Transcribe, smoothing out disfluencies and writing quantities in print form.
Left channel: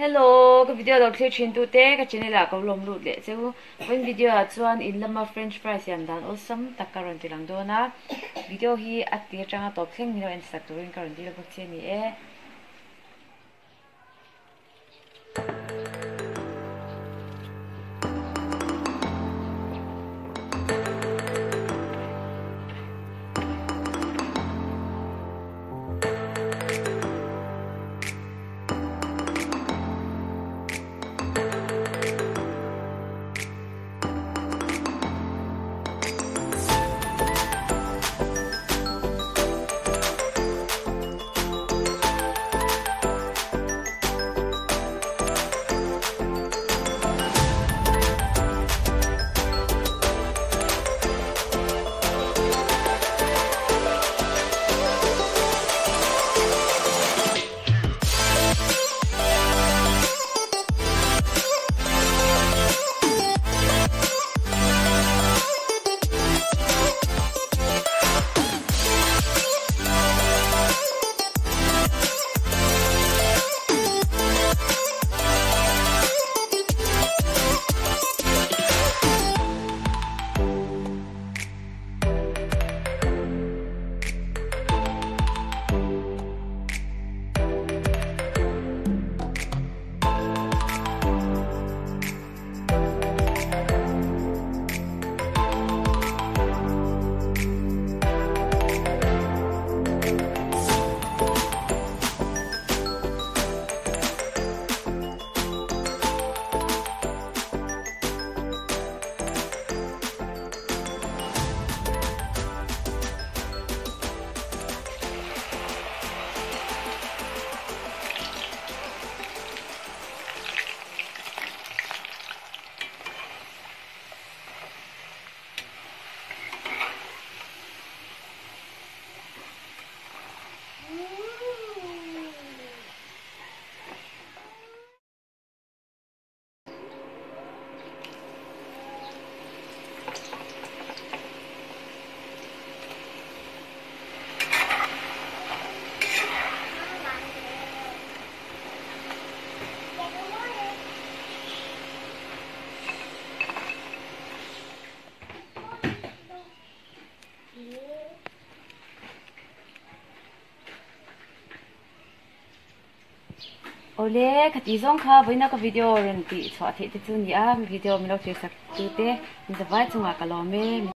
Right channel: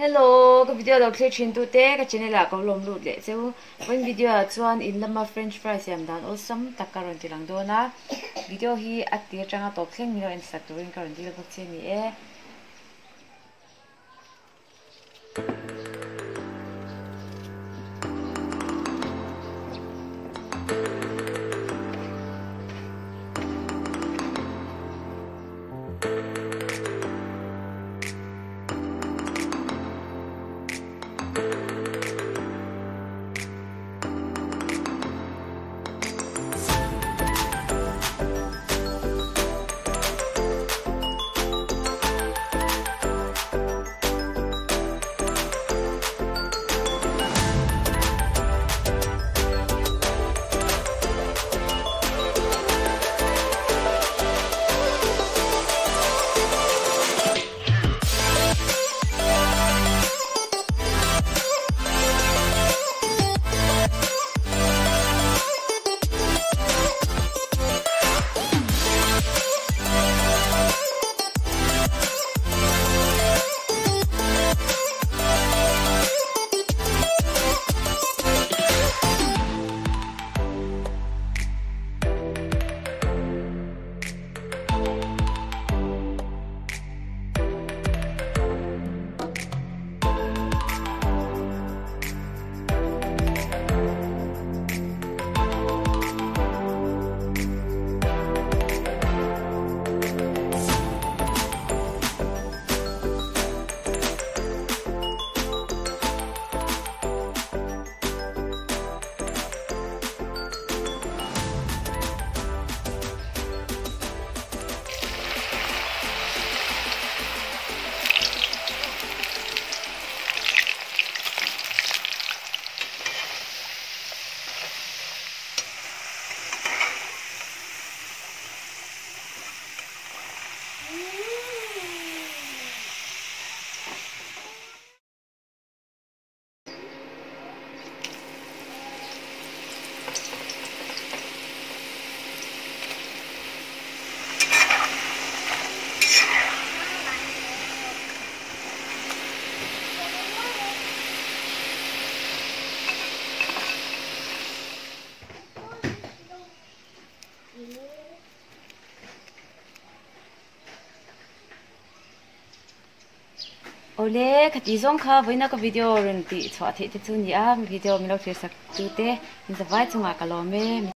Hello, cái video đầu tiên trên tụi cái channel là có lồng lụt lệ chứ với video chuan in lama French fries yam dan awesome takaron tilang do na video hi atia changa top theng mino Instagram karon ti labak che ni e Ole khati zong kha voina ka video ren ti chwa the te chu ni a video mi lo thir sak tu te in the vai chunga ka lo me